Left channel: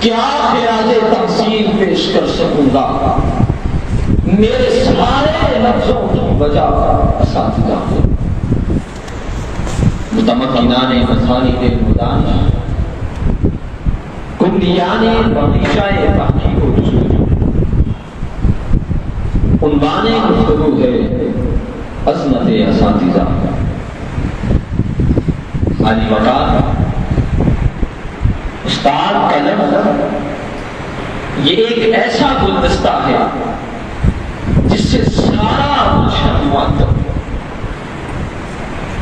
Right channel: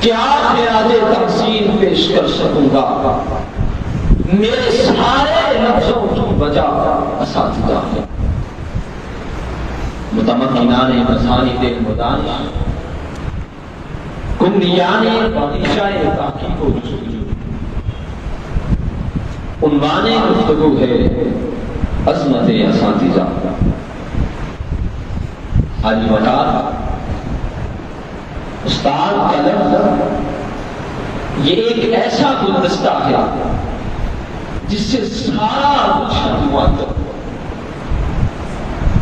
کیا خراج تحسین پیش کر سکوں گا؟ میرے سارے لفظوں کی وجہ اساتذہ ہے۔ متمکنان مسانید المدانش کمریان باقیشہ باقی کو رسول، عنوان گفتگو ہے عظمت اساتذہ۔ عالی وقار استاد کا لفظ یہ ایک ایسا گلدستہ ہے جس سے سارا معطر۔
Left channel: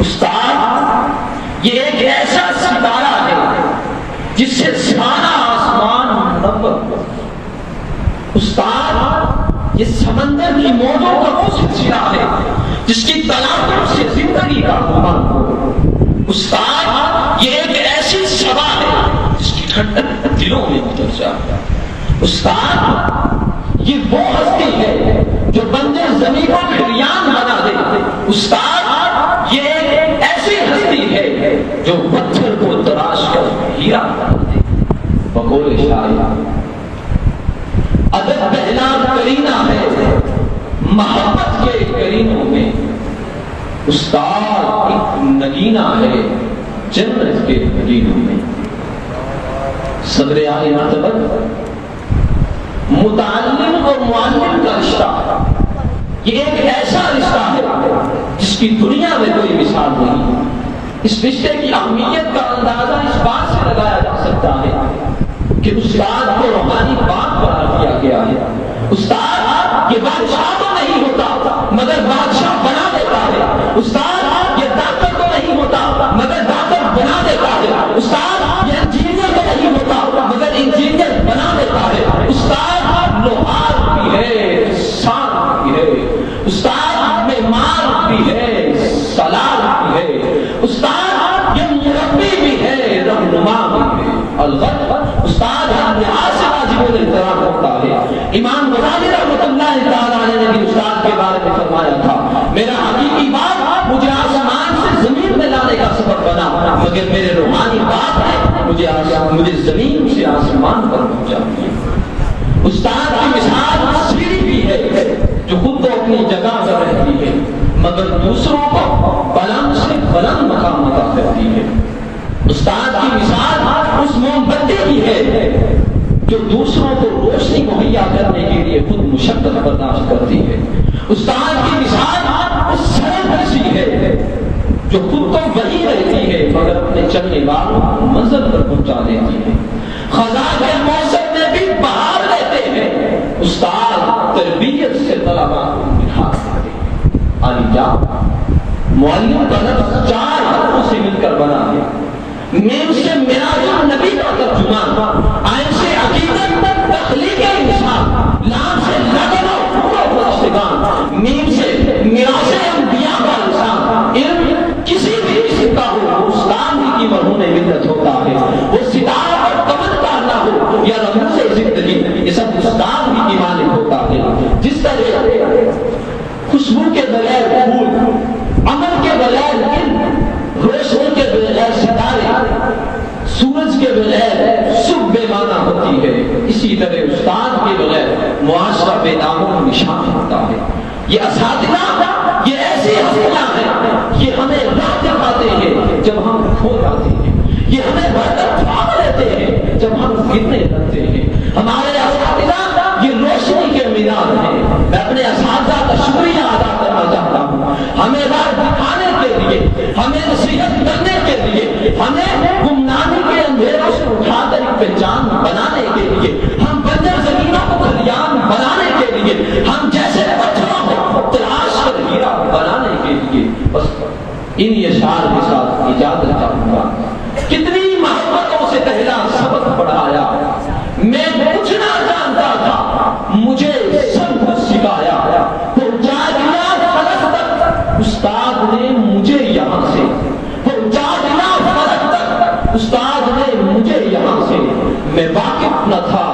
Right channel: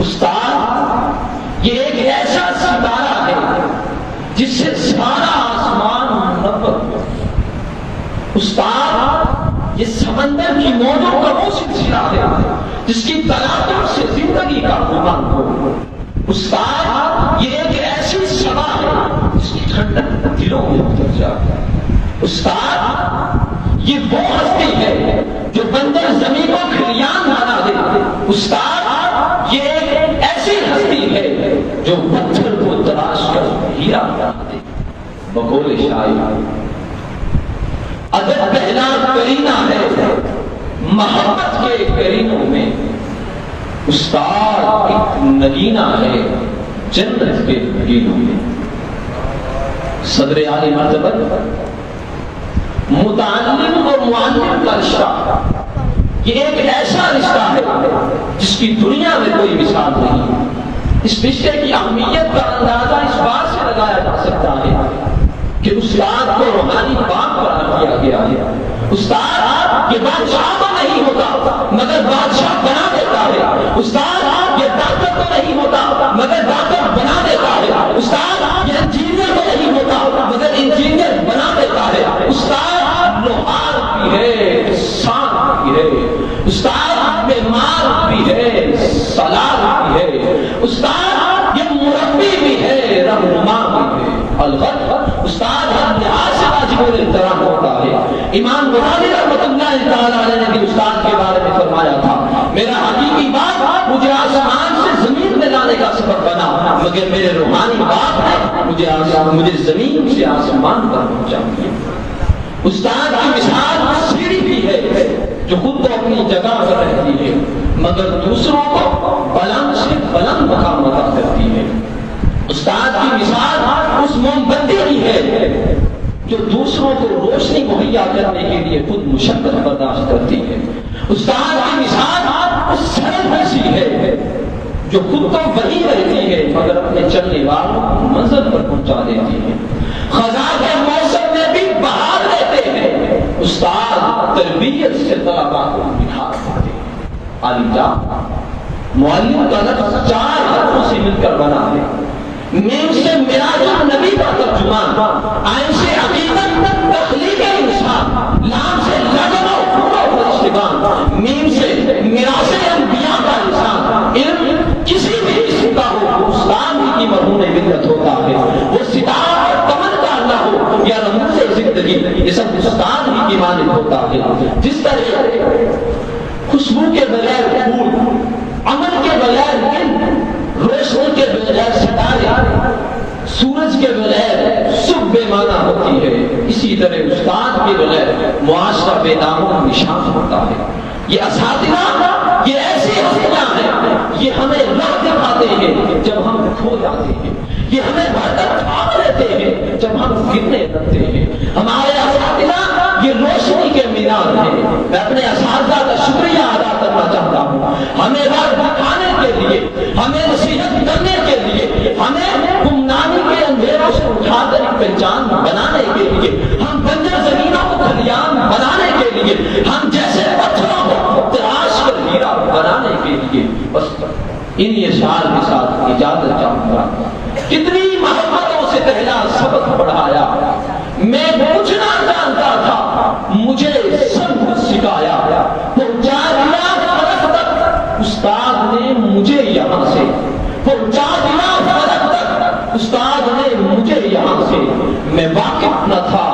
استاد یہ ایک ایسا ستارہ ہے جس سے سارا آسمان منور۔ استاد یہ سمندر کی موجوں کا وہ سلسلہ ہے جس کی تلاقوں سے زندگی کا امان ہو۔ استاد یہ ایک ایسی صبا ہے جس کی ٹھنڈک دلوں میں اتر جائے۔ استاد یہ وہ ہستی ہے جو بنجر زمین کو کھریان بنا دے۔ استاد یہ ایک ایسی ہستی ہے جو پتھر کو تراش کر ہیرا بنا دے۔ بقول شاعر ادب پہلا کرینہ ہے محبت کے کرینوں میں، استاد ایک نگینہ ہے جنت کے نگینوں میں۔ صدر عالی مرتبت متعلم اور معلم کا رشتہ یہ ایک ایسا رشتہ ہے جس کی دنیا میں کوئی مثال نہیں۔ اس رشتے کی اہمیت کا اندازہ اس بات سے لگایا جا سکتا ہے کہ استاد کو روحانی باپ بنا دیا گیا ہے۔ استاد یہ بادشاہ تو نہیں ہوتا مگر بادشاہ بنا دیتا ہے۔ استاد یہ ڈاکٹر تو نہیں ہوتا مگر ڈاکٹر بنا دیتا ہے۔ استاد یہ انجینئر تو نہیں ہوتا مگر انجینئر بنا دیتا ہے۔ استاد لوہار بھی ہے، سان بھی ہے۔ استاد بیمار بھی ہے، سلاد بھی ہے۔ استاد یہ مربی بھی ہے، رہنما بھی ہے۔ الغرض استاد ہر لحاظ سے واجب الاحترام ہوتا ہے۔ امام غزالی رحمۃ اللہ تعالی علیہ نے بھی استاد کے بارے میں فرمایا تھا، میرا حقیقی باپ مجھے آسمان سے زمین میں لانے کا سبب بنا مگر میرے روحانی باپ ہے مجھے زمین سے آسمان پر پہنچا۔ استاد کی مثال سیڑھی بھی ہے جو خود تو اپنی جگہ پر رہتی ہے مگر دوسروں کو بلند سے بلند مقام عطا کرتی ہے۔ استاد کی مثال اس موم بتی کی ہے جو دوسروں کو روشنی مہیا کرنے کے لیے خود مشقت برداشت کرتی ہے۔ استاد کی مثال اس سڑک جیسی ہے جو خود تو وہی رہتی ہے مگر اپنے چلنے والوں کو منزل پر پہنچا دیتی ہے۔ خزاں کے موسم میں بھی بہار دیتے ہیں، استاد تربیت سے طلباء کو نکھار دیتے ہیں۔ عالیہ معلم کا لفظ 4 حرفوں سے مل کر بنا ہے۔ میم سے معراج النبی کا ترجمان، عین سے حقیقت تک تخلیق انسان، لام سے لگن اور پورا فرشتگان، میم سے میراث انبیاء کا انسان۔ علم کسی بھی اسم کا ہو اسلام ہی کی مرہون ملت ہوتا ہے۔ وہ ستارہ اور قمر کا اللہ ہو یا رمز زندگی، یہ سب استاد ہی کی مالک ہوتا ہے۔ جس طرح خوشبو کے بغیر پھول، عمل کے بغیر علم، روشنی کے بغیر ستارے، سورج کے بغیر صبح بے معنی ہوتی ہے، اسی طرح استاد کے بغیر معاشرہ بے نام و نشان ہوتا ہے۔ یہ اساتذہ یہ ایسی ہستیاں ہیں، یہ ہمیں راہ دکھاتے ہیں جب ہم کھو جاتے ہیں، یہ ہمیں برکت تھام لیتے ہیں جب ہم گرنے لگتے ہیں۔ ہمارے اساتذہ یہ روشنی کے مینار ہیں۔ میں اپنے اساتذہ کا شکریہ ادا کرنا چاہتا ہوں، ہمیں راہ دکھانے کے لیے، ہمیں نصیحت کرنے کے لیے، ہمیں گمنامی کے اندھیروں سے اٹھا کر ایک پہچان بنانے کے لیے، ہم بنجر زمینوں کو کھلیان بنانے کے لیے، ہم جیسے پتھروں کو تراش کر ہیرا بنانے کے لیے۔ بس ان اشعار کے ساتھ اجازت چاہوں گا۔ کتنی محبتوں سے پہلا سبق پڑھایا، میں کچھ نہ جانتا تھا، مجھے سب کچھ سکھایا، پہنچا دیا فلک تک استاد نے مجھے یہاں سے، پہنچا دیا فلک تک استاد نے مجھے یہاں سے۔ میں واقف نہ تھا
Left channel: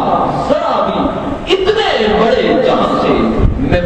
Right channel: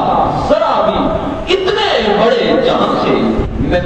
ذرا بھی اتنے بڑے جہاں سے، میں